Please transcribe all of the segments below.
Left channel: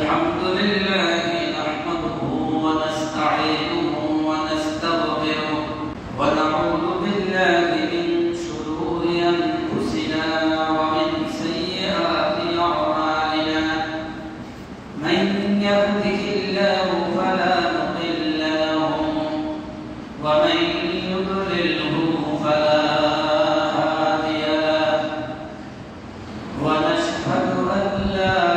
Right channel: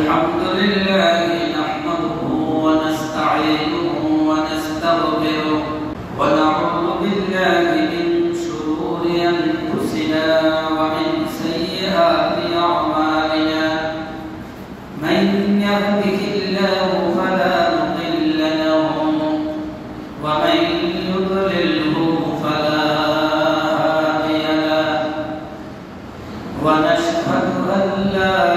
الحمد لله نحمده ونستعينه ونستغفره ونعوذ بالله من شرور أنفسنا ومن سيئات أعمالنا من يهده الله فلا مضل له ومن يضلله فلا هادي له ونشهد أن لا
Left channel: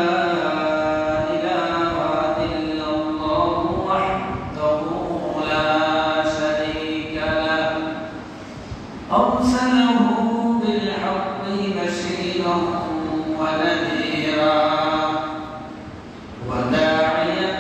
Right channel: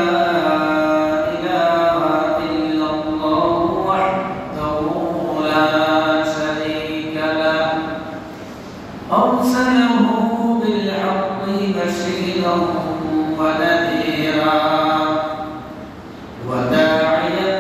أرسله بالحق بشيرا ونذيرا وداعيا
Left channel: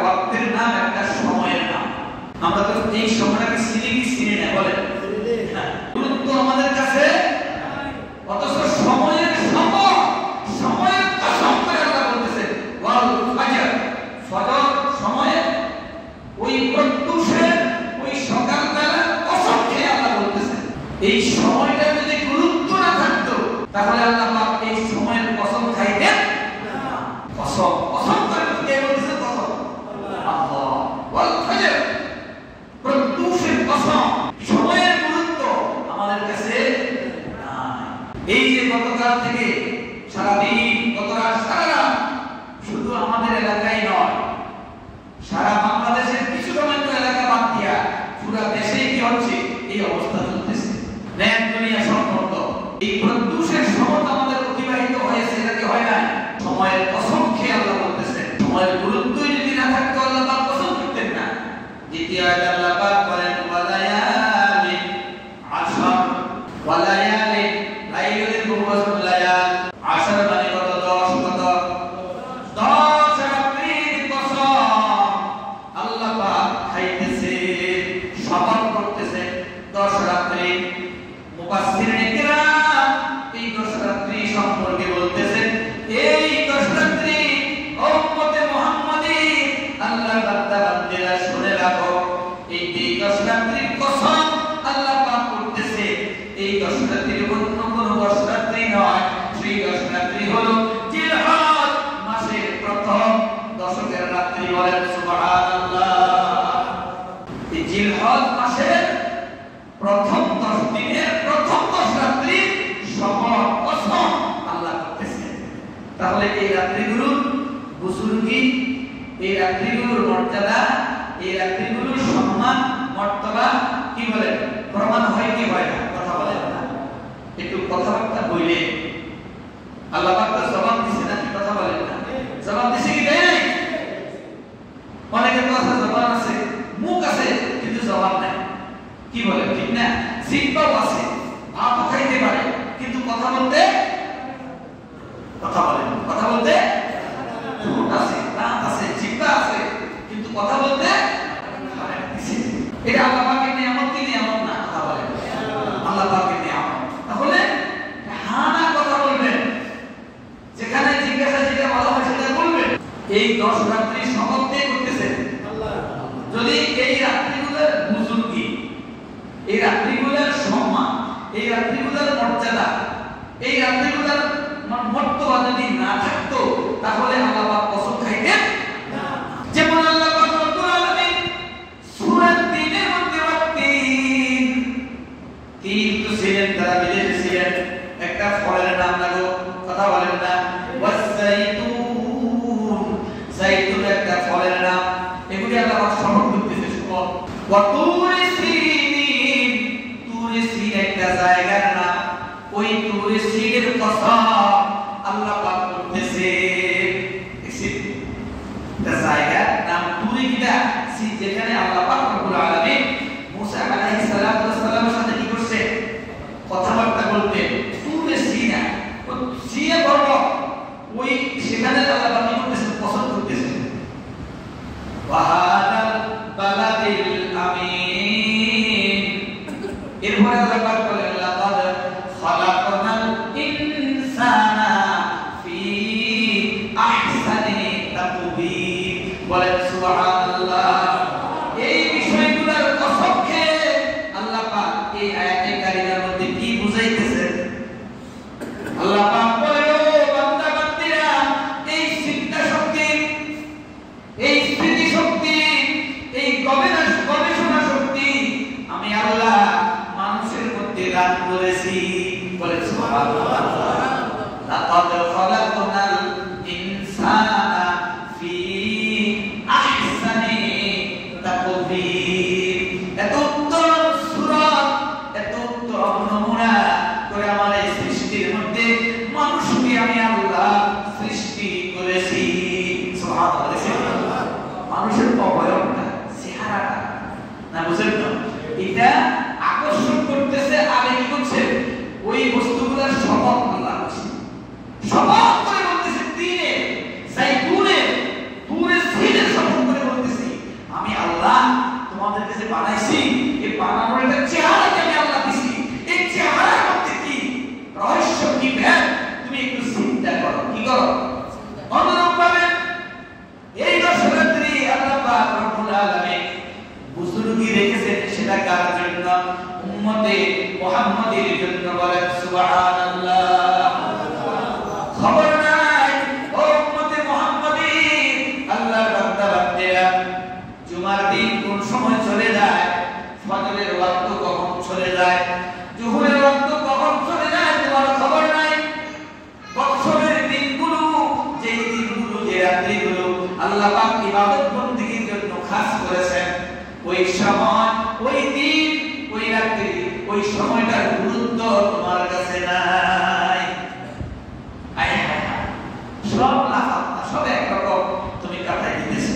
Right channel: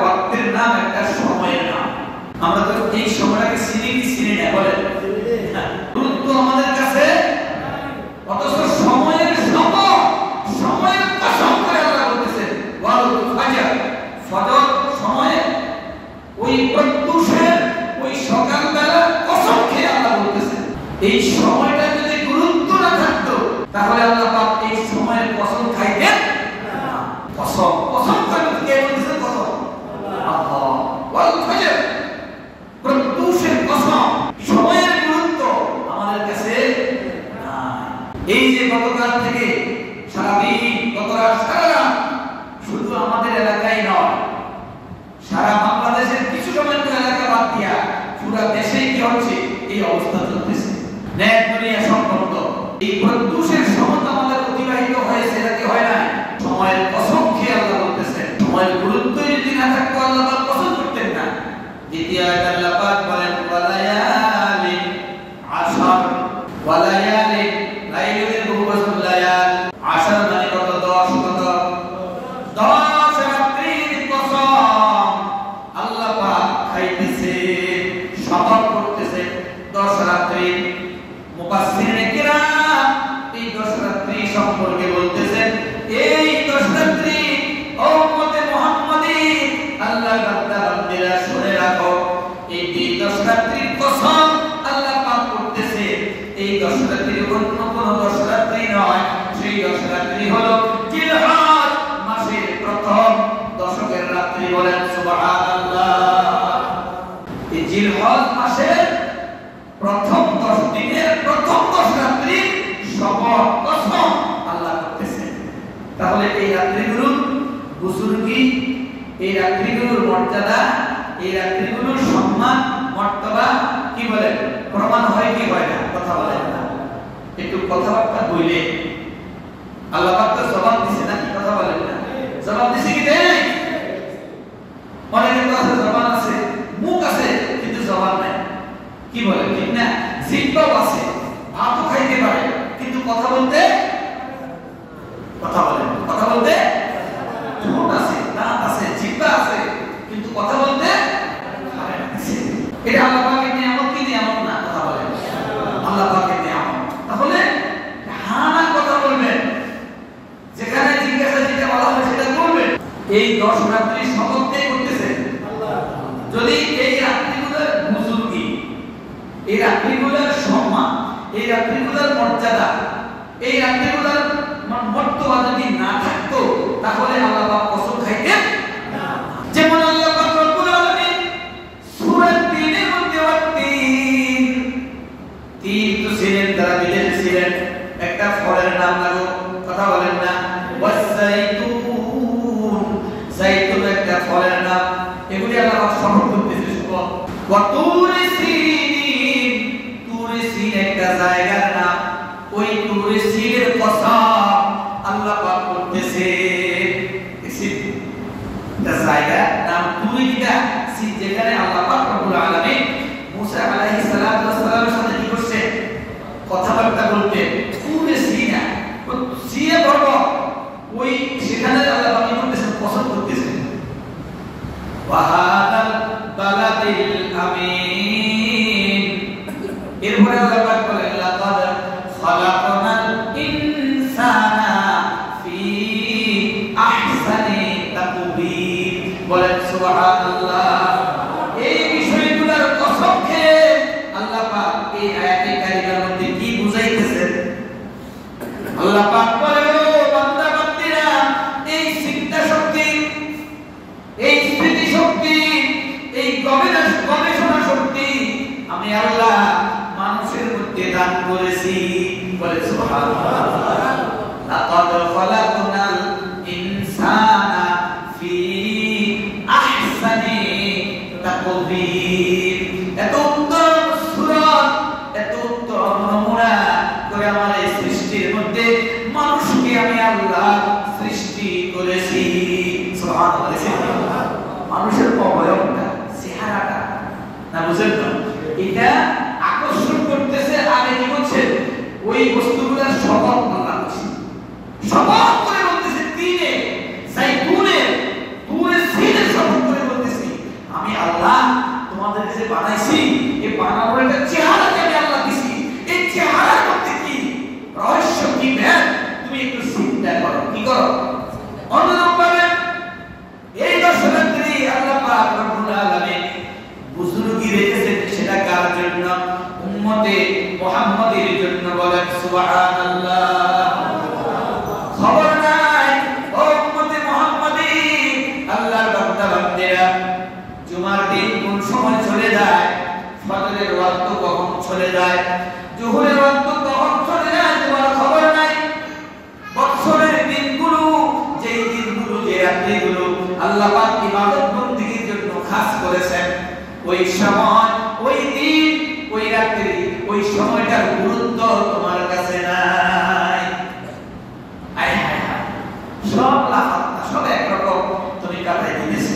ওয়াক্তের নাম, একটা সময়ের নাম। আমরা তো এই সময়টাকে চিনি কি চিনি না বলেন? গুরুত্ব আমাদের কাছে, অথচ সময়ের সময়ের কসম করে আল্লাহ বলতেছেন ওয়াল ফাজর, ফজর সময়ে ওই প্রত্যুষের ওই সকালবেলা কসম খেয়ে আল্লাহ বলতেছেন। এই সময়টা যদি গুরুত্ব না থাকতো তাহলে আল্লাহ পাক এই সময়ের কসম খাইতেন না। কসম করে কে বলতেছে? কসম আল্লাহ। ওয়াল ফাজর, প্রত্যুষের কসম। সময়ের গুরুত্ব আমাদের কাছে নাই। এই যে গতকাল থেকে সারাদিন, গতরাত সারা রাত, শুধু আমাদের এলাকায় নয়, সারা বাংলাদেশের কিছু সময় এলাকা বাদ দিয়া পুরো দেশেই কি হচ্ছে? এই অবস্থা চলতেছে। নেট দুনিয়া সম্পর্ক এই প্রত্যুষের সময় আমাদের অতিবাহিত হয়েছে, নাকি হয় না? সময়ের কসম খেয়ে আল্লাহ বলতেছেন। সময়ের গুরুত্ব যদি না থাকতো আল্লাহ পাক কসম করতেন না। দ্বিতীয় আয়াতে আল্লাহ পাক বলেন ওয়ালায়ালি আশর, ওয়ালায়ালি লাইলের বহুবচন লায়াল, আশর মানে কত? 10 কত? 10 রাত্রির কসম আল্লাহ পাক খাইতেছে, শপথ করতেছে 10 রাত্রি। মুফাসসিরিনে কিরাম এই 10 রাত্রি সম্পর্কে বলতেছেন, এই 10 রাত্রি উম্মতে মুহাম্মাদি আল্লাহর বান্দা বান্দীরা শুনে রাখো, এই 10 রাত্রির কসম আল্লাহ পাক করতেছে। এই 10 রাত্রির অন্য কোনো 10 রাত্রি নয়, সেই 10 রাত্রি হলো জিলহজ মাসের প্রথম 10 রাত্রি। বলেন সুবহানাল্লাহ। এই জিলহজ মাসের প্রথম 10 দিনের প্রথম 10 রাত্রি শপথ কসম আল্লাহ করতেছে। তাহলে এই রাত্রিগুলোর বুজুর্গি, এই রাত্রিগুলোর মর্যাদা, এই রাত্রিগুলোর সম্মান মর্তবা কি বলেন? প্রমাণ হয় কি হয় না? কথা বলেন না, একটু কথাবার্তা বইলে আল্লাহ পাক তো জবাব দিছে না? কি কথা বলেন না? জবাব দিছে কি দেয় নাই? অনেকের কাছে জবাব আছে, মুখ আছে, কিন্তু জবাব নাই। কি বলে? ঠিক না? জিহ্বাও আছে, ভাতও খাইতে পারে, কিন্তু কথা বলতে ঠোঁট আছে, দাঁত আছে, জিহ্বা আছে, কিন্তু কথা বলতে এটা আল্লাহ পাকের নিয়ামত কি নিয়ামত না? কথা বলেন। আল্লাহ পাকের নিয়ামত। তাহলে হ্যাঁ না কথা বলবেন, যেখানে জিজ্ঞাসা যেটা বলা হবে সেটা বলবেন। এই 10 রাত্রি শপথ কে করতেছে? আল্লাহ। যদি এই রাত্রিগুলোর বুজুর্গি, এই রাত্রিগুলোর সম্মান, এই রাত্রিগুলোর মর্যাদা, এই রাত্রিগুলোর মর্তবা যদি না থাকতো তাহলে আল্লাহ পাক কসম খাইতেন না। যেমন আল্লাহ পাক রব্বুল আলামিন সূরা 3 এর মধ্যে তিন তো ছিলেন, তারা বিদেশে ছিলেন। একটা ফলের নাম লাগো, কথা বলেন না? ওয়াসাইতুন, জাইতুন একটা ফলের নাম। এগুলি আল্লাহ পাক শপথ করতেছে। শুনো, ওয়া তুরি সিন, তুরি সিন একটা জায়গার নাম। ওই তুরি সিনের কসম আল্লাহ পাক করতেছে। একটা জায়গার নাম তুরি, কিটা সিন, যেখানে আল্লাহ পাক রব্বুল আলামিন মুসা আলাইহিস সালাতু ওয়াস সালামের সাথে কি করছে? কথাবার্তা বলতে। তুরি সিনা, সিয়ে বড়, ওই সেখানে আল্লাহ পাক কি করতেছেন? কসম করতেছেন। ওয়া হাদাল বালাদিল আমিন। এরপর আল্লাহ পাক বলেন লাকাদ খালাকনাল ইনসানা ফি আহসানি তাকবীর। বলেন সুবহানাল্লাহ। এই বিষয়গুলোর কসম খেয়ে আল্লাহ পাক এই আয়াতে কারিমার মধ্যে কি বুঝাইতেছেন? আল্লাহ পাক বলে, ও বান্দা বান্দীরা, এই চিন্তা শক্তি, এই স্মৃতি শক্তি, এই গবেষণা শক্তি আমি আল্লাহ মানুষের মধ্যে দান করেছি। বলে সুবহানাল্লাহ। লাকাদ খালাকনাল ইনসানা ফি আহসানি তাকবীর। এত উত্তম সূরত, এত উত্তম নমুনা করে আমার এই সৃষ্টির মধ্যে মানুষকে আমি আল্লাহ সৃষ্টি করেছি। সুবহানাল্লাহ। মানুষের অবয়বটা, চেহারাটা না, বুঝেন না? এটা আকর্ষণ করতেছে। আগে কি করছে? ওই বস্তুগুলোর শপথ আল্লাহ করছে। ওই সময়, ওই দিন, ওই রাত্রি, ওই সময়টার গুরুত্ব তোমার কাছে নাই। আয় হায় হায়, সব লাফাত্তা, সব একরকম তুমি কাটাই দিতেছ।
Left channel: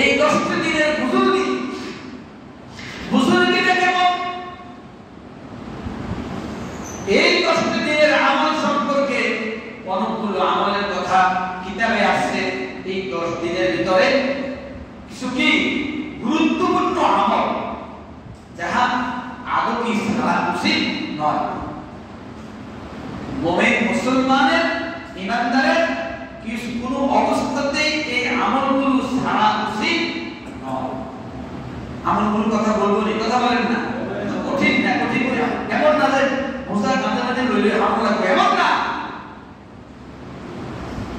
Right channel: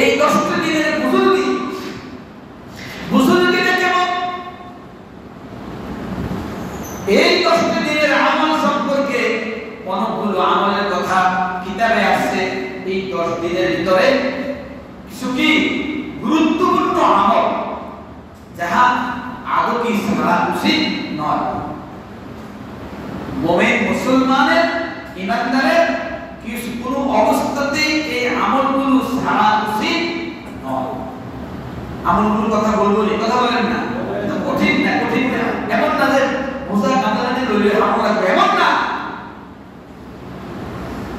এই 10টি দিনের বুজুর্গিটা কেমন? এই 10টি দিনের আমল সম্পর্কে অনেকগুলো আমলের কথা কিতাবে আসছে। এই 10 দিনের ভিতরে কিছু কি গুরুত্বপূর্ণ আমল যাহা আদৌ কি ছাড়া উচিত নয়। মুমিন মুসলমানের, ইমানদারের কিছু কোনো অবস্থাতেই এই আমলগুলো ছাড়া উচিত নয়। আমলগুলোর কথা বলবো, এই কথা বলেন না, কঠিন না, কঠিন না, এমন না যে মুসা কাঁদানি লইলে আমল লাগবে, এমন না।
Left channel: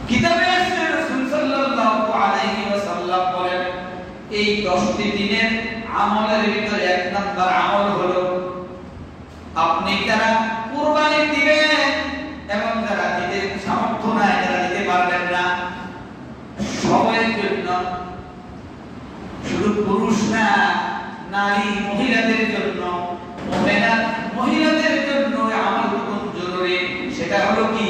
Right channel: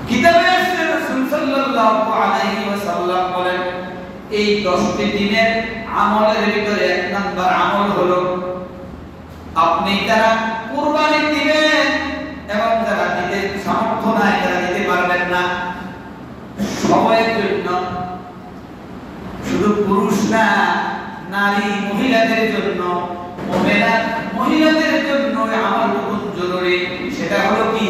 কিতাবে আছে রাসূল সাল্লাল্লাহু আলাইহি ওয়াসাল্লাম বলেন এই 10টি দিনের আমলের ভিতরে 1 নাম্বার আমল হলো আপনি যারা কুরবানি দিবেন এবং যারা দিতে সামর্থ্য নাই, যারা দিতে পারবেন না, সবার জন্য, শুধু পুরুষ না, নারী মহিলাদের জন্য, মহিলাদের জন্য আমলটুকু জরুরি। সেটা হলো কি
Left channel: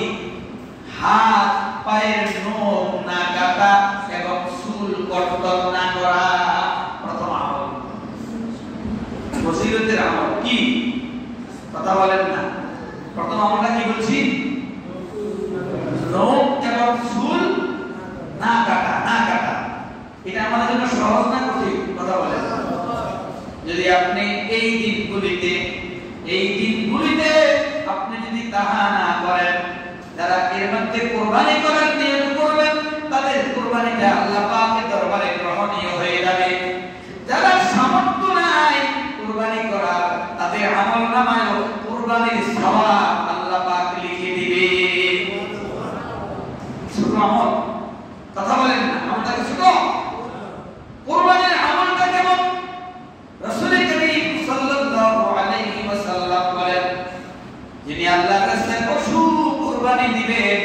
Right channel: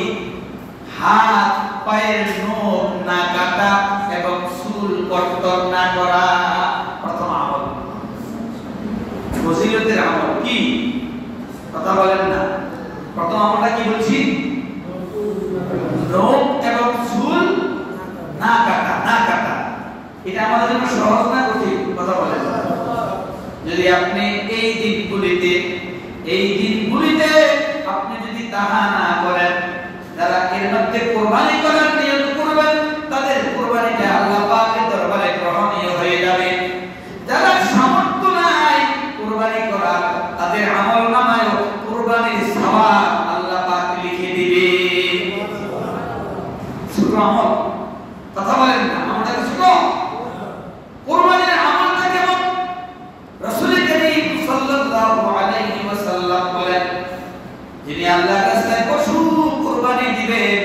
হাত পায়ের নখ না কাটা এবং চুল কর্তন না করা। প্রথম আমল, ফজিলতের আমল কি? কথা বলেন না। প্রথম আমলটা কি বলছি? নখ এবং চুল না কাটা, না কাটা। এটা আমাদের জন্য সহজ না কঠিন? কথা বলেন। যদি আপনি এই দিনগুলিতে আপনি যদি তাহা না করেন, যারা এর মধ্যে কুরবানি করার নিয়ত করবেন তাদের কুরবানিটা আল্লাহ পাকের দরবারে গ্রহণীয় হয়ে যাবে। যারা সামর্থ্য নাই কুরবানি করার, তাদের আমলনামায় কুরবানির সওয়াব আল্লাহ পাক লিখে দিবে। সুবহানাল্লাহ। কথা বলেন না, আমাদের শুনো কুরবানির আমলটা কেমন? রাসূল করিম সাল্লাল্লাহু আলাইহি ওয়াসাল্লাম বলেন যিনি আল্লাহর রাস্তায় পশু কুরবানি দিবেন,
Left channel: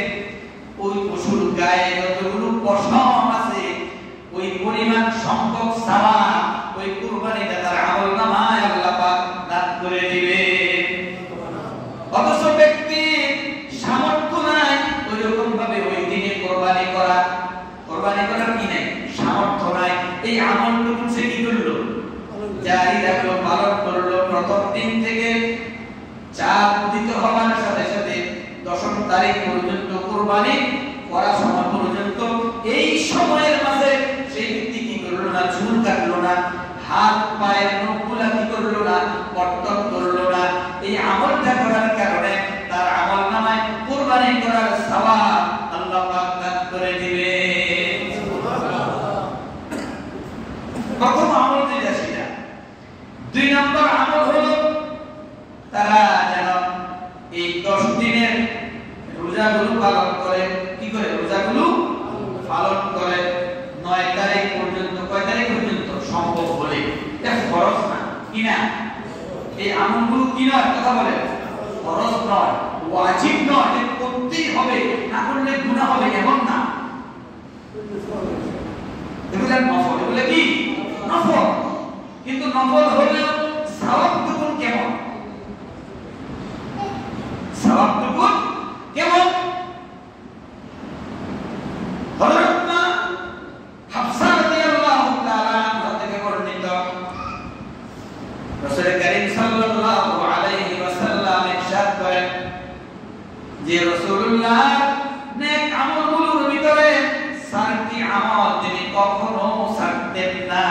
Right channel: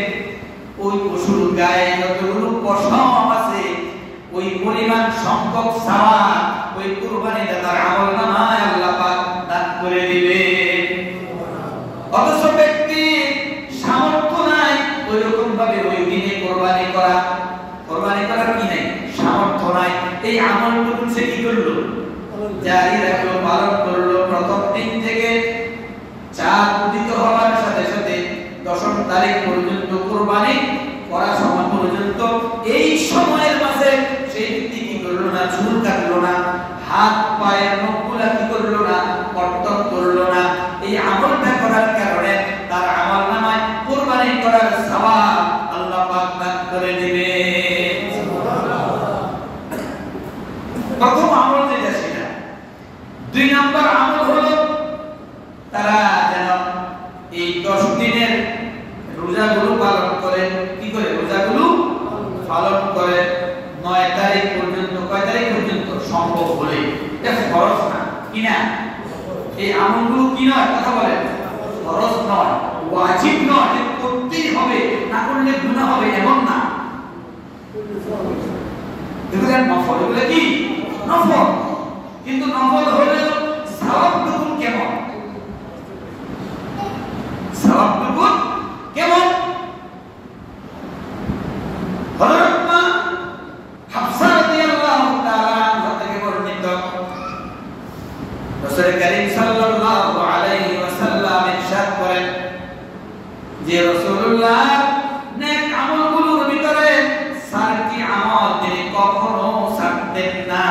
ওই পশুর গায়ে যতগুলো পশম আছে ওই পরিমাণ সংখ্যক সওয়াব ওই কুরবানিটা তার আমলনামায় আল্লাহ পাক দান করে দিবে। অথচ ব্যক্তি সামর্থ্য নাই ওই রকম ভাবে ওই দিনে কুরবানি করার কি নাই, সামর্থ্য নাই, এই আমলটুকু সে কি করলো? জারি রাখলো, পালন করলো। প্রথম দিন থেকে চাঁদ উদিত হওয়ার সাথে সাথে 10 তারিখ পর্যন্ত কুরবানি করার সময় পর্যন্ত এই সময়ের মাঝে সেই ব্যক্তি কি করলো না? চুল কাটলো না, হাত পায়ের নখগুলা কি করলো না? কর্তন করলো না। এই আমলটা করার কারণে তার আমলনামায় কুরবানি করার সওয়াব আল্লাহ পাক দান করে দিবে। প্রথম আমল যেটা সেটা। 2 নম্বর আমল হলো তারা যেন এই 10 দিনের রোজাগুলো পালন করে। কি করে? রোজাগুলো পালন করে 9 তারিখ পর্যন্ত। কয় তারিখ পর্যন্ত? সম্ভব হলে। এটা ফরজ না, কি না? এই আমলগুলো কি নয়? কথা বলেন। ফরজ নয়, ওয়াজিব নয়, যে করতেই হবে, না করলে গুনাহ হবে, এমন না। এগুলো নফল। এগুলো কি? নফল। কিন্তু নফল হলেও সওয়াবটুকু কেমন? সওয়াবটুকু কেমন? হযরত মা হাফসা রাদিয়াল্লাহু তাআলা আনহা থেকে বর্ণিত, রাসূল করিম সাল্লাল্লাহু আলাইহি ওয়াসাল্লাম ইরশাদ করেন যে রাসূলুল্লাহ নেক আমলগুলোর ভিতরে 4টি আমল তিনি কখনো ছাড়তেন না।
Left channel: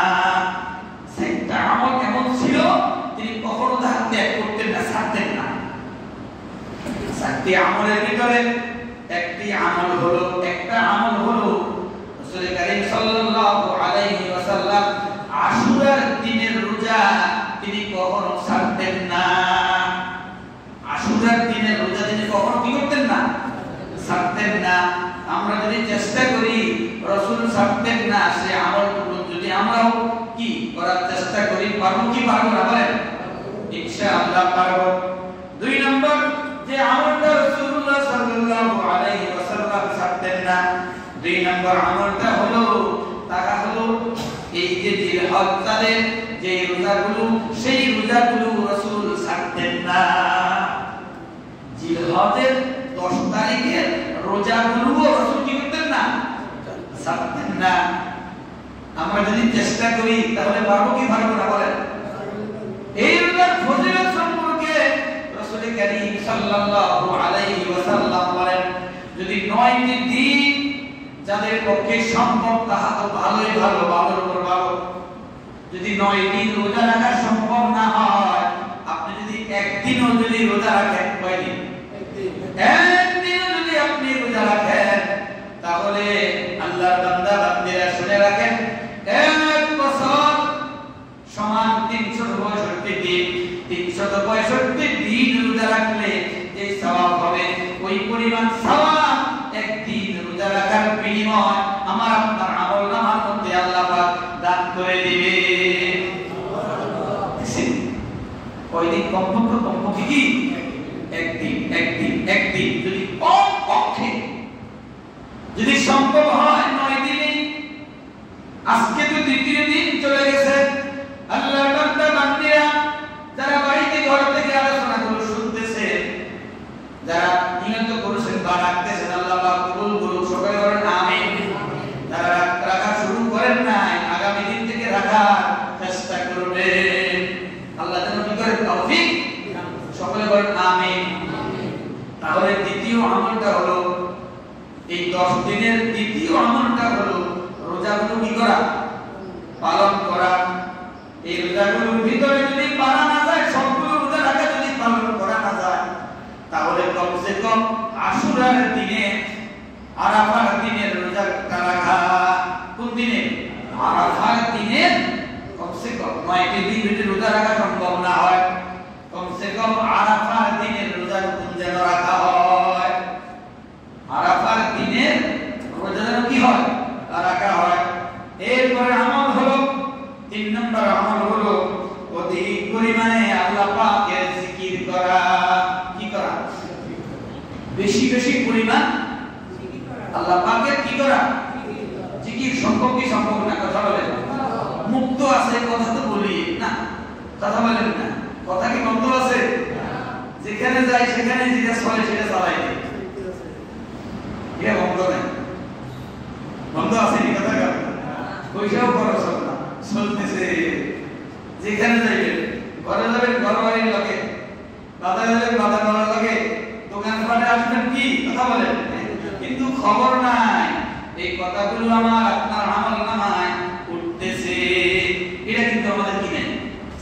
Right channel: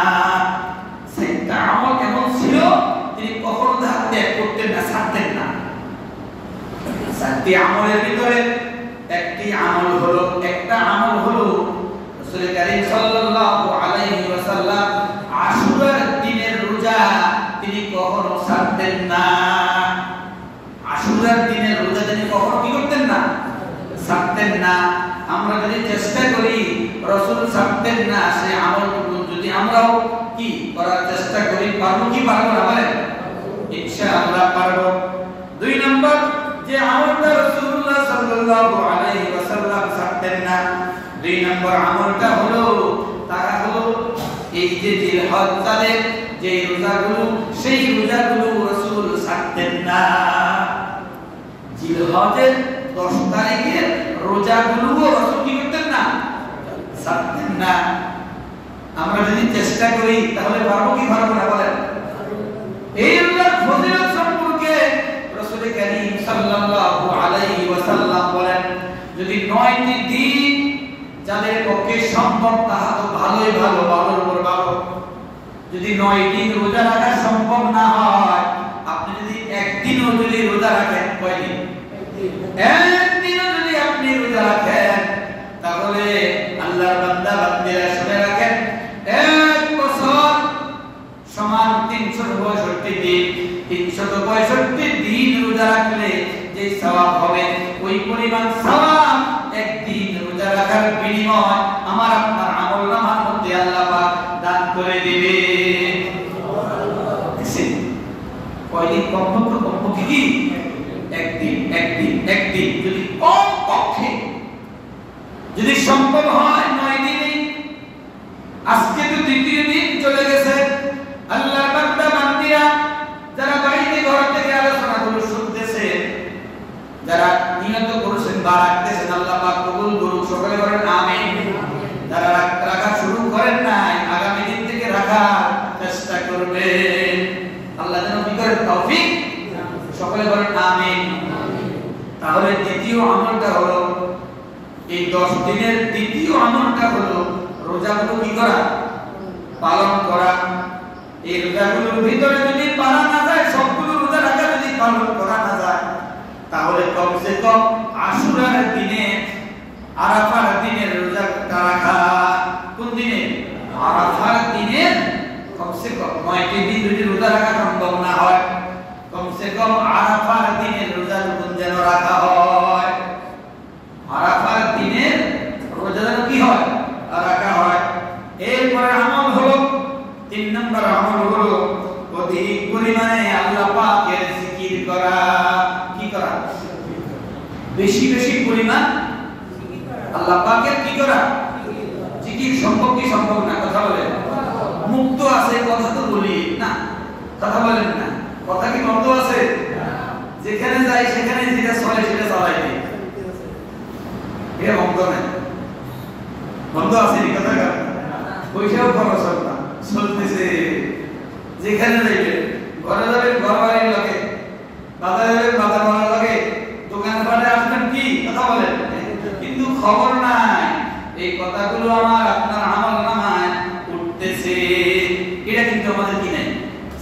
4টা আমল কেমন ছিল? তিনি কখনো তা ত্যাগ করতেন না, ছাড়তেন না। 4টি আমলের ভিতরে একটা আমল হলো রাসূল করিম সাল্লাল্লাহু আলাইহি ওয়াসাল্লাম আশুরার দিনের রোজা তিনি কখনো ছাড়তেন না। আশুরার দিনের রোজা তিনি কখনো কি করতেন না? ছাড়তেন না। আমরা যদি চেষ্টা করি রাসূল ছাড়তেন না সে আমলটুকু যদি আমরাও কি করার চেষ্টা করি, পারবো কি পারবো না? বলেন ইনশাআল্লাহ পারবো। 2 নম্বর যে আমলটা রাসূলুল্লাহ সাল্লাল্লাহু আলাইহি ওয়াসাল্লাম ছাড়তেন না, 2 নম্বর আমলটা হলো তারা হলো এই যে জিলহজ তাদের যে রোজাগুলো সেই রোজাগুলো রাসূল ছাড়তেন না। জিলহজের 10 তারিখের রোজাগুলো রাসূল কি করতেন না, ছাড়তেন না। আমরা যদি চেষ্টা করি তাহলে পারবো কি পারবো না বলেন? এই রোজার ফজিলত সম্পর্কে রাসূল কারীম সাল্লাল্লাহু আলাইহি ওয়াসাল্লাম বলেন, যদি 9টি দিন যাদের পক্ষে সম্ভব তাহা তো ভালোই ভালো, ভালোর উপর ভালো। যদি 9 দিন রোজা রাখা সম্ভব না হয়, আপনি যদি একদিনও যদি রোজা রাখেন, কয়দিন? একদিনও যদি আপনি রোজা রাখেন, তাহলে আল্লাহর বান্দা বান্দিরা শুনে রাখেন, 1 বছর সমান 365 দিন। 365 দিন রোজা রাখলে যে সওয়াব হবে, ওই পরিমাণ সওয়াব একদিন রোজা রাখার বিনিময় আমার আপনার আমলনামার মধ্যে আল্লাহ পাক দান করে দিবে। কয়দিন? কমপক্ষে কি একদিন যদি কমপক্ষে যদি সম্ভব হয় 9 দিনে। আজকে তো দ্বিতীয় দিন চলে গেছে। আল্লাহর বান্দা বান্দিরা যারা বাড়িতে ঘর থেকে আলোচনা করে শুনতেছে, যারা নিয়ত করেছেন বা রাখতেছেন, আল্লাহ পাক কবুল করুন। সবাই বলেন আমিন। যারা রাখা শুরু করেন নাই, আগামী দিন থেকে রাখার চেষ্টা করবেন। আল্লাহ যেন কি করে তৌফিক। সকলে বলেন আমিন। তাহলে দ্বিতীয় আমলটা হলো, এই 10 দিনের দ্বিতীয় আমলটা হলো রোজাগুলো কি করা, পালন করা। এই রোজাগুলোর ভিতরে যদি পারা না যায়, সবগুলো রোজা রাখা যদি পালন করা না যায়, তাহলে কমসে কম আশুরার দিনে, আরাফার দিনের রোজাটা রাখা। কোন দিনে? আরাফার দিনে কমসে কম 9টি দিন যদি রোজা রাখা সম্ভব না হয়, কমসে কম আরাফার দিনের রোজা যেন রাখা হয়। আরাফার দিনের রোজা যেন কি হয়, রাখা হয়। এরপরে আমল হলো 3 নম্বর আমল হলো অধিক পরিমাণে আল্লাহ পাকের জিকির করা। কি করা? বেশি বেশি পরিমাণ আল্লাহ পাকের কি করা, জিকির। সম্ভব কি সম্ভব না? কথা বলেন। মুক্ত আছে কথা তো বলি না, কথা বলেন না। কথা কি বন্ধ আছে? যেখানে যাই সেখানে যেটা চলে সেটা চালাই দিই। এটা বন্ধ নেই, বন্ধ আছে নি? কথা পয়সাও খরচ হয় না, চলতেছে। যেখানে যাইবেন, ঘরে যাবেন ঘর বাড়ির লাগে, বাজারে যাবেন বাজার বাড়ির লাগে, দোকান পাটে আসবেন কি, কথা বলেন। কিন্তু খবর নাই এই কথাগুলো আমার আপনার আমল নামায় উঠতেছে। এটা কিন্তু আমাদের কি নাই,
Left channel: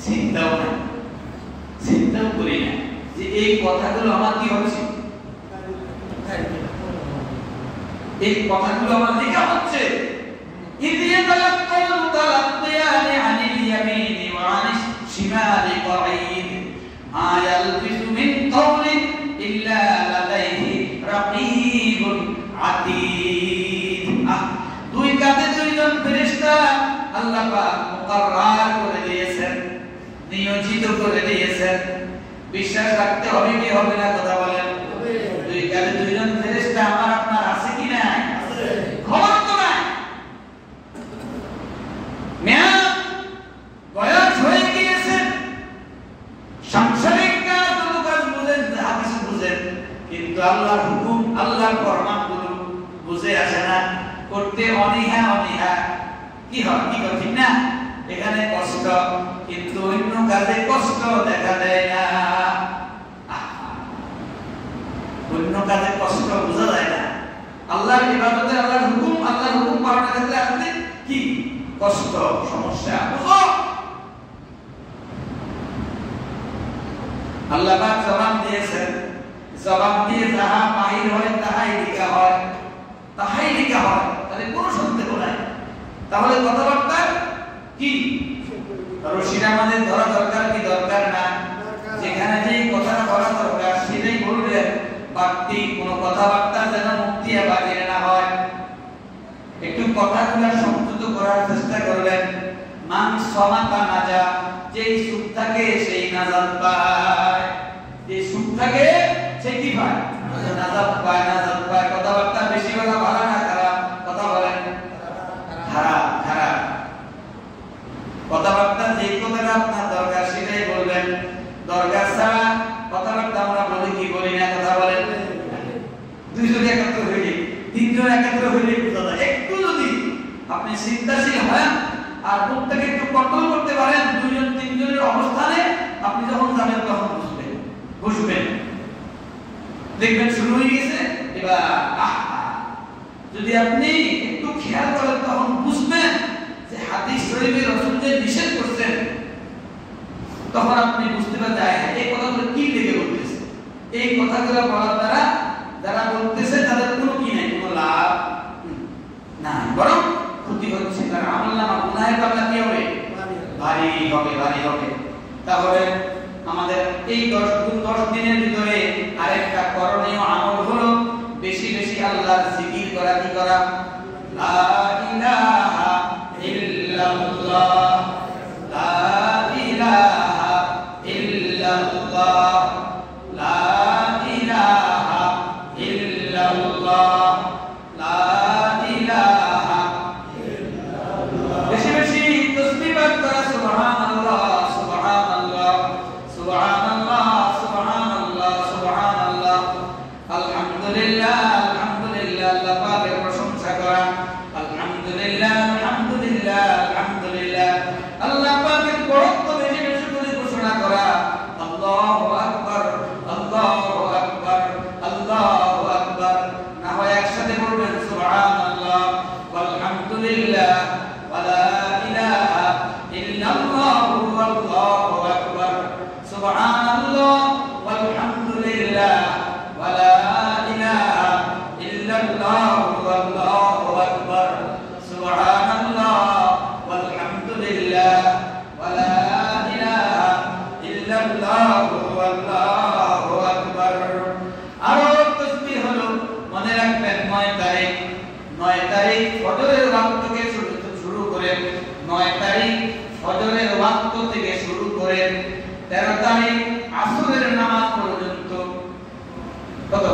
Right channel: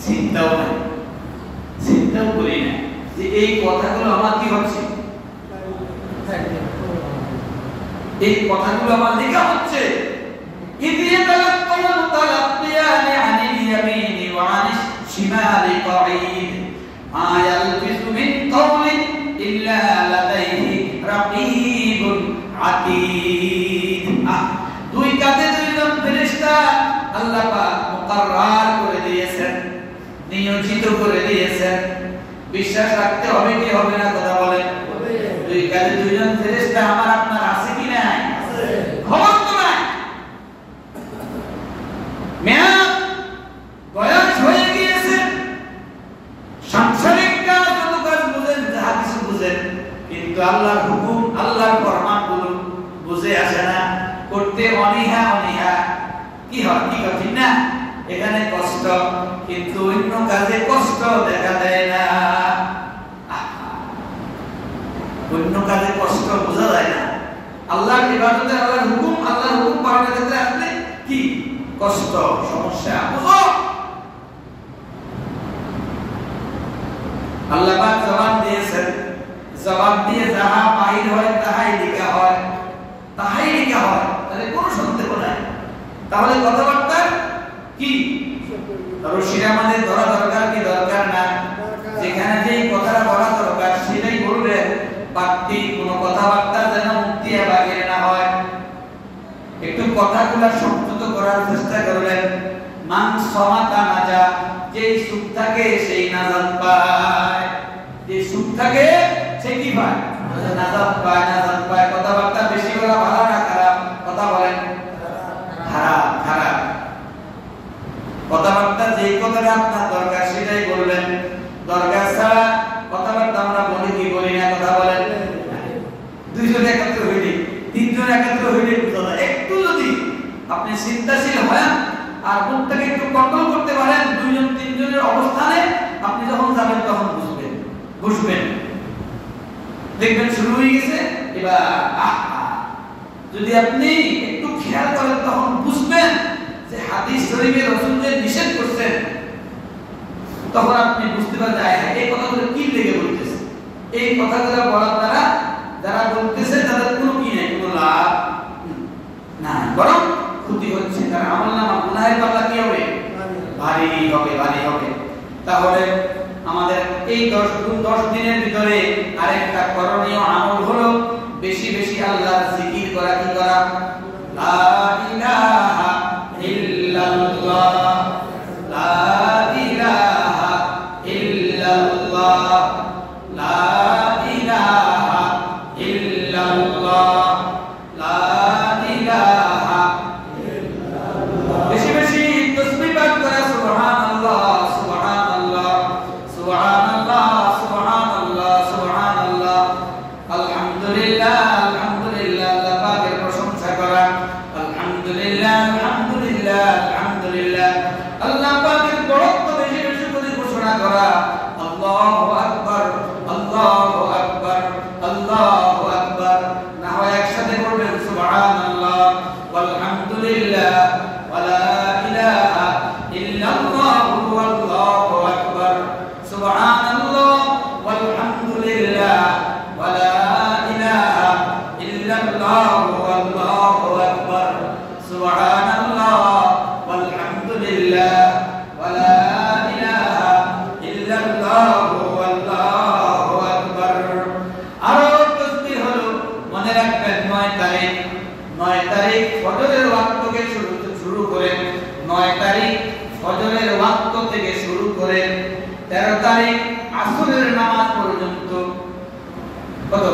চিন্তাও নাই, চিন্তাও করি না যে এই কথাগুলো আমার কি হচ্ছে, এই কথাগুলো আমার লেখা হচ্ছে। ইদিয়া তালাক্কাল মুতালাক্কিয়ানি আনিল ইয়ামিনি ওয়া আনিশ শিমালি কাঈদ মা ইয়ালফিযু মিন কাওলিন ইল্লা লাদাইহি রাকীবুন আতীদ। দুই কাঁধে দুইজন ফেরেশতা আল্লাহ পাক মুকাররার করে দিয়েছেন, নিয়োজিত করে দিয়েছেন। বিশ্বাস রাখতে হবে কি হবে না? কথা বলেন। দুই কাঁধে দুইজন ফেরেশতা আমার আপনার আছে কি না? আছে। খবর তো নাই, মেয়াদ বয়স হয়ে গিয়েছে, সাংসারিক কাজ যত কাজ বুঝেন, যা কিছু বুঝেন, কিন্তু আল্লাহর হুকুম আল্লাহর ফরমানগুলো বুঝে আসে না, করতে অনীহা অনীহা। কি হয়? কি কঠিন না? এখানে কষ্ট, কিন্তু অন্য কাজে কষ্ট দেখা দেয় না। অন্য কাজে কষ্ট বোঝা যায় না। আল্লাহর ইবাদতে আল্লাহর হুকুম পালনের ক্ষেত্রে আসলে কি কষ্ট, সমস্যা বুঝো। আল্লাহ পাক জবান দিয়েছেন, জবান দিয়ে যাহা বাহির হয় তাহাই লেখা হয়, তাহাই লেখা হয়। তাহলে কোনো সন্দেহ নাই। তাহলে কথাবার্তা কি রশিটা আমাদের ধরা দরকার কি দরকার না? যেখানে যে কথাটা বলা দরকার সেটাই বলবেন। বাড়তি কোনো কথাবার্তা যেন মুক্তি বাগিয়ে না হয়। একটু কথাগুলো সংযত করার চেষ্টা করবেন। মান সমাতা নাজা, যেই সুখ থাকে সেই নাজাত পায়, যে সুখ থাকে সে কি পায়? নাজাত পায়, নাজাত পায়। কথাবার্তা বেশি বলা ভালো না খারাপ? কথা বলেন। খারাপ, খারাপ। চিন্তাশীল হন আর মুখটাকে একটু কন্ট্রোল করতে পারেন, দুইজন তিনজনের অবস্থানে আপনি যখন যাবেন তখন বুঝবেন দেখবেন শুরু হয়ে গেছে। এবার যদি আপনি একটু খেয়াল করেন তখন বুঝবেন যে হাদিস শরীফে রাসূল যে নিষেধ করছেন, তখন আপনি বুঝতে পারবেন এই কথাগুলো কি লেগে বলতেছে। এই কথাগুলো বলার দ্বারা যারা বলতেছে তাদের কোনো কি নাই, কোনো লাভ নাই, বরং ক্ষতি হচ্ছে। তার আমলনামা গুনাহের পাল্লা কি হবে? ভারী হবে। তাহলে আমাদের এই 10 দিনের ভিতরে আরেকটা করণীয় আমল হলো বেশি বেশি আল্লাহর জিকির করা। কি করা? লা ইলাহা ইল্লাল্লাহ, লা ইলাহা ইল্লাল্লাহ, লা ইলাহা ইল্লাল্লাহ, লা ইলাহা ইল্লাল্লাহ। বেশি বেশি তাসবিহ পাঠ করা। সুবহানাল্লাহ, সুবহানাল্লাহ, সুবহানাল্লাহ, সুবহানাল্লাহ, সুবহানাল্লাহ, আলহামদুলিল্লাহ, আলহামদুলিল্লাহ, আল্লাহ পাকের প্রশংসা করা। আলহামদুলিল্লাহ, আলহামদুলিল্লাহ, আলহামদুলিল্লাহ, আল্লাহ পাকের বড়ত্ব বেশি বেশি করে ঘোষণা করা। আল্লাহু আকবার, আল্লাহু আকবার, আল্লাহু আকবার। না হয় একসাথে বলবেন সুবহানাল্লাহ, আলহামদুলিল্লাহ, ওয়ালা ইলাহা ইল্লাল্লাহ, আল্লাহু আকবার, সুবহানাল্লাহ, আলহামদুলিল্লাহ, ওয়ালা ইলাহা ইল্লাল্লাহ, আল্লাহু আকবার, সুবহানাল্লাহ, আলহামদুলিল্লাহ, ওয়ালা ইলাহা ইল্লাল্লাহ, আল্লাহু আকবার। আরো তাসবিহ হলো, মনে রাখবেন 9 তারিখ ফজরের ওয়াক্ত থেকে শুরু করে 9 তারিখ ফজরের ওয়াক্ত থেকে শুরু করে 13 তারিখ আসরের নামাজ পর্যন্ত। কত?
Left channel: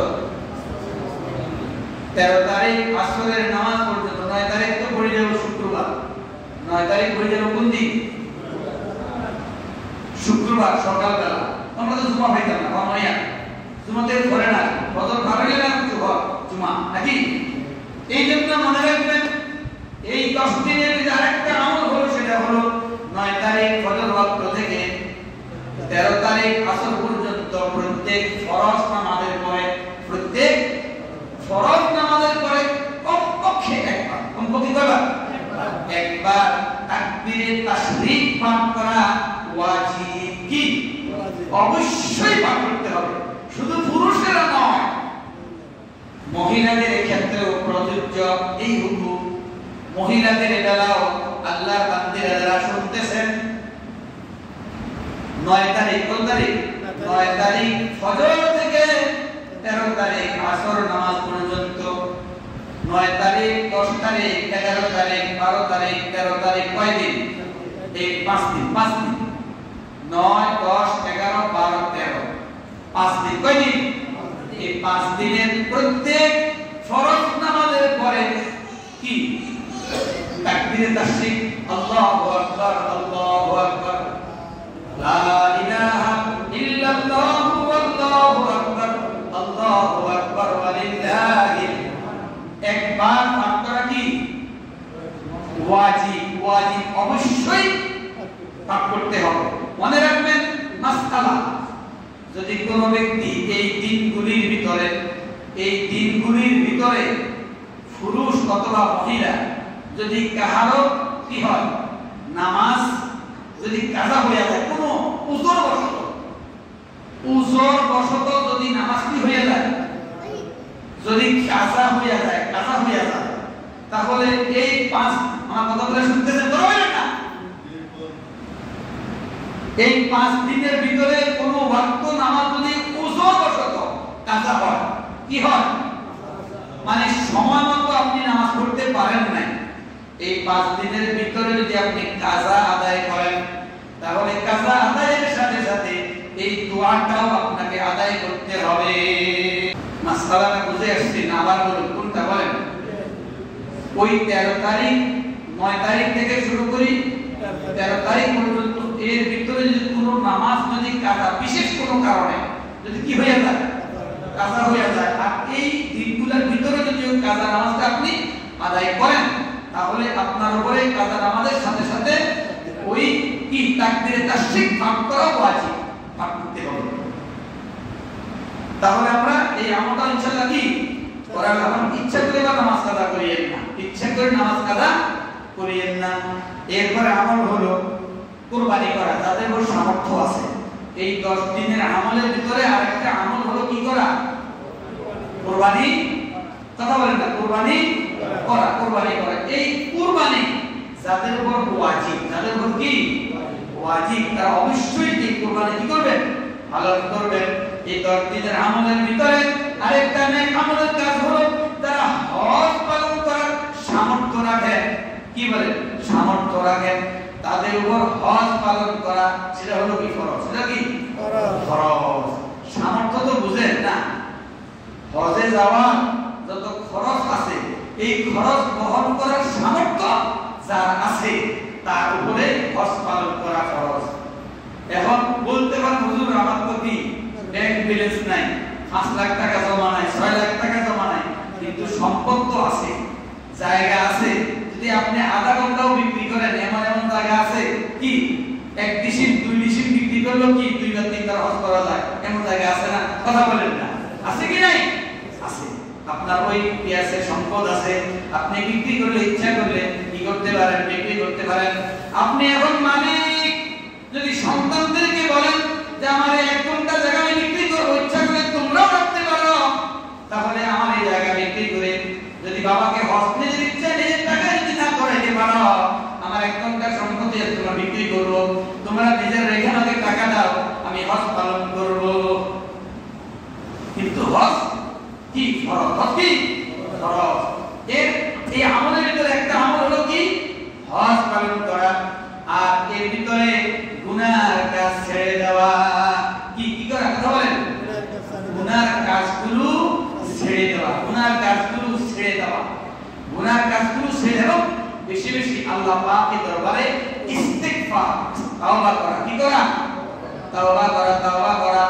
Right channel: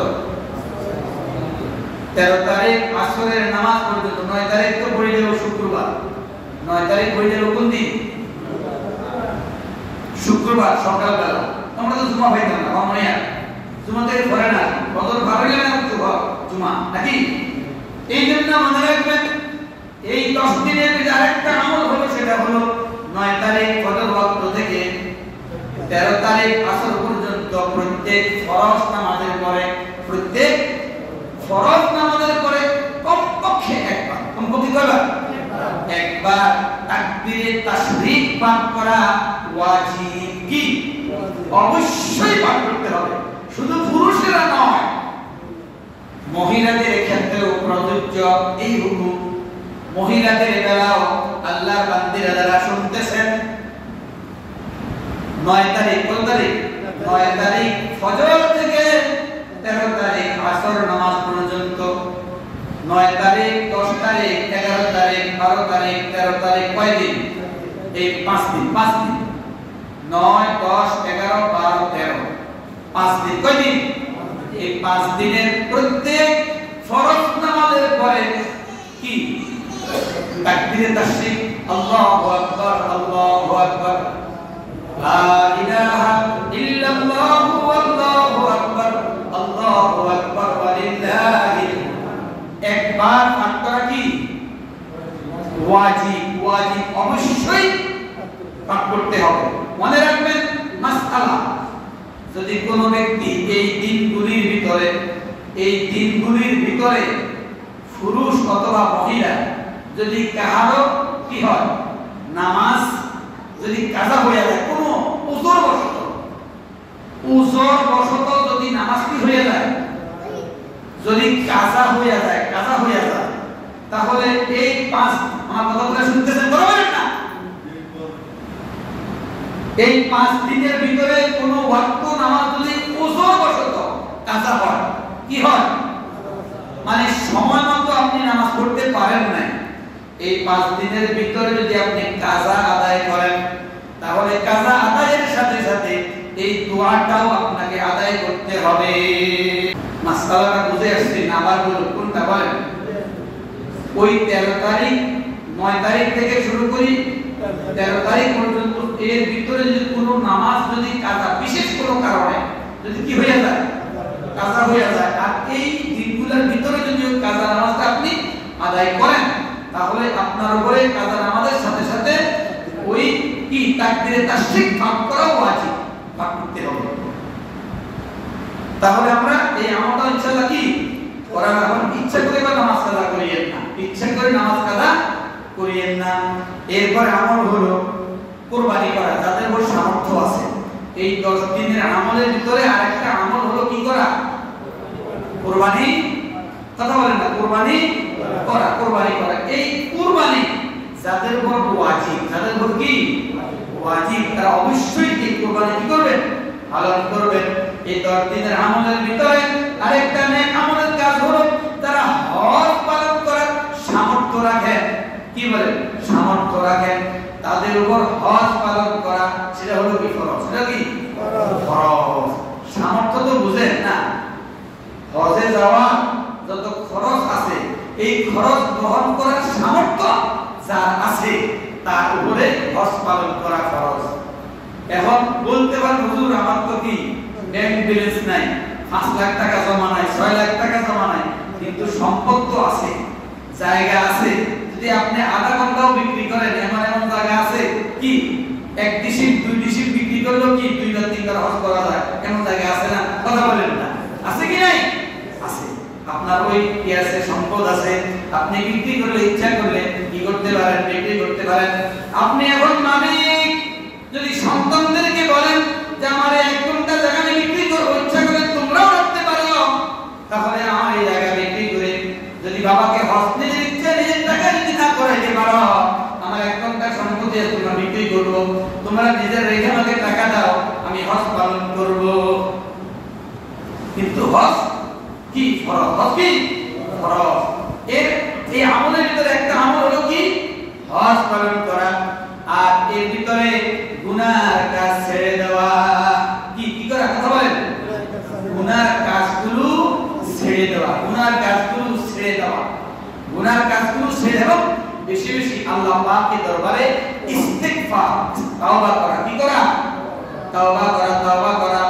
13 তারিখ আসরের নামাজ পর্যন্ত। 9 তারিখ তো পড়ে যাবে শুক্রবার। 9 তারিখ পড়ে যাবে কোন দিন? শুক্রবার সকালবেলা। আমরা তো জুমা পাইতাম না, মাইয়া জুমা থেকে পড়ে না, ফজর ভাড়াইলে না তো জুমা নাকি? এই জন্য মনে রাখবেন এই 10 দিনের যে আরেকটা আমল হলো সেটা হলো 9 তারিখ ফজর ওয়াক্ত থেকে 13 তারিখ আসর পর্যন্ত প্রত্যেক ফরজ নামাজের পরে কমপক্ষে একবার, কমপক্ষে কয়বার? একবার তাকবীরে তাশরিক পাঠ করা ওয়াজিব। কি? অবশ্যই পাঠ করতে হবে, শুধু পুরুষেরা নয়, মহিলাদের ক্ষেত্রেও প্রযোজ্য এই হুকুম। মহিলাদের বেলাও আল্লাহর বান্দিরা যারা শুনতেছেন, 9 তারিখ, কোন তারিখ? 9 তারিখ ফজর থেকে 13 তারিখ আসর নামাজ পর্যন্ত। 9 তারিখ, 10 তারিখ, 11 তারিখ, 12 তারিখ, 13 তারিখ, কয় দিন? এই 5 দিন। 9, 10, 11, 12, 13, 5 দিন। কয় দিন? এই 5 দিনের প্রত্যেক ফরজ নামাজের পরে কি? তাকবীরে তাশরিক, আল্লাহু আকবার, আল্লাহু আকবার, লা ইলাহা ইল্লাল্লাহ, আল্লাহু আকবার, আল্লাহু আকবার, ওয়ালিল্লাহিল। একবার পাঠ করা কি? ওয়াজিব। অবশ্যই পাঠ করতে হবে। মনে রাখবেন মাসআলা, যদি কোনো ব্যক্তি এই দিনগুলির ভিতরে পুরুষ অথবা মহিলা যদি কাহারো কি হয়, নামাজ যদি কাজা হয়ে যায়, কোনো উযর বশত যদি নামাজ কি হয়ে যায়, যদি কাজা হয়ে যায়, তাহলে এই 5, আমার কথাগুলো শুনতেছেন বরাবর না? এই 5 দিনের ভিতরে কোনো ওয়াক্ত নামাজ যদি উযর বশত কাজা হয়, কি হয়? মানে সময় মতো আপনি নামাজ পড়তে পারেন না, এই 5 দিনের ভিতরে যদি আপনি কাজা আদায় করেন, তাহলে কাজা আদায়ের সাথে সাথে এই দোয়াটাও আপনাকে আদায় করতে হবে। মাসআলাটা বুঝে আসছে না? আবার বলুন, কোনটা বলেন? ওই 13 তারিখ, 9 তারিখ থেকে শুরু করি 13 তারিখ পর্যন্ত, এর ভিতরে যদি কোনো নামাজ যদি কাজা, বিশেষ কোনো কারণে যদি কি হয়ে যায়, কাজা হয়ে যায়, আর এই দিনগুলোর ভিতরে যদি কাজা নামাজটা আপনি আদায় করেন, তাহলে আপনার আপনার উপরে কাজা নামাজের সাথে সাথে ওই কি তাকবীরে তাশরিক পাঠ করা ওয়াজিব, পাঠ করতে হবে। তাহলে আমরা এই আমলটা ইনশাআল্লাহ কি করা যাব। ইচ্ছা করে বা নামাজ কাজা করিয়েন না, ইচ্ছা করে নামাজ কাজা করিয়েন না। এরপর আমল হলো কুরবানি করা, যাদের বড় সামর্থ্য আছে। এই 10 দিনের আমলের ভিতরে আরেকটা আমল হলো কি করা? কুরবানি। কথা বলেন না, কুরবানি করা, কুরবানি করা। এই কুরবানি যাদের উপর ওয়াজিব, যাদের উপর কি ওয়াজিব, তারা অবশ্যই এই কুরবানি কি করবেন? পালন করবেন। এই 10 দিনের আমলের ভিতরে আরেকটা নেক আমলের কাজ হলো যারা হজ পালন করার সামর্থ্য রাখেন, কি বলেন? সামর্থ্য রাখেন, তাদের উপর হজ পালন করা সেটা হলো কি ফরজ। সেটা কি ফরজ। সামর্থ্য তো বুঝেন না, হজে যাওয়া যত খরচ আছে এই খরচ বহন করার সামর্থ্য যার আছে তার উপরে হজ পালন করা খরচ। এখন বলতে পারেন হুজুর আমার তো কি ব্যাংক ব্যালেন্স নাই, 5 লাখ টাকা জমা নাই, 6 লাখ টাকা জমা নাই, কিন্তু সম্পদ তো আছে, জায়গা আছে। যদি আপনি আধা ঘন্টাও বিক্রি করেন, এমন এমন জায়গা আছে কি 1 ডিসিম 2 ডিসিম বিক্রি করলেও কি 2 বার 3 বার হজ করা যায়, এমন জায়গা আছে না? কথা বলেন না, আছে কি নাই? আছে। আপনার ওই কি আছে? সম্পদ আছে। আপনি বিক্রি করলে, ইচ্ছা করলে কি করতে পারেন? বিক্রি করতে পারেন। আপনি এখন মালিক, যদি সন্তানদেরকে বলেন যে আমার 1 ঘন্টা জায়গা আমি বিক্রি করব, ইচ্ছা করে তোমরাও রাখতে পারো, তাহলে আমার এই জায়গা বিক্রি করে যদি বাবাকে হজ নিজের ইচ্ছা নিজের টাকা যদি না করাইতে পারো, আমার 1 ঘন্টা সম্পত্তি তোমরা বিক্রি করব, তোমরা নিজের রেখে আমাকে টাকা দাও, আমি হজ পালন করব। কিন্তু হজ কি ফরজ? হজ কি ফরজ। এই আমলের ভিতরে একটা আমল হলো কি হজ পালন করা, আর এর ভিতরে গুনার কাজ ছেড়ে দেওয়া। কি কি করা? কথা বলেন। গুনার কাজগুলো ছেড়ে দেওয়া, গুনার কাজগুলো ছেড়ে দেওয়া, গুনার কাজগুলো ছেড়ে দেওয়া। বেশি বেশি আল্লাহ পাকের দরবারে ইস্তিগফার, তাওবা করা। কি করা? তাওবা করা, তাওবা করা।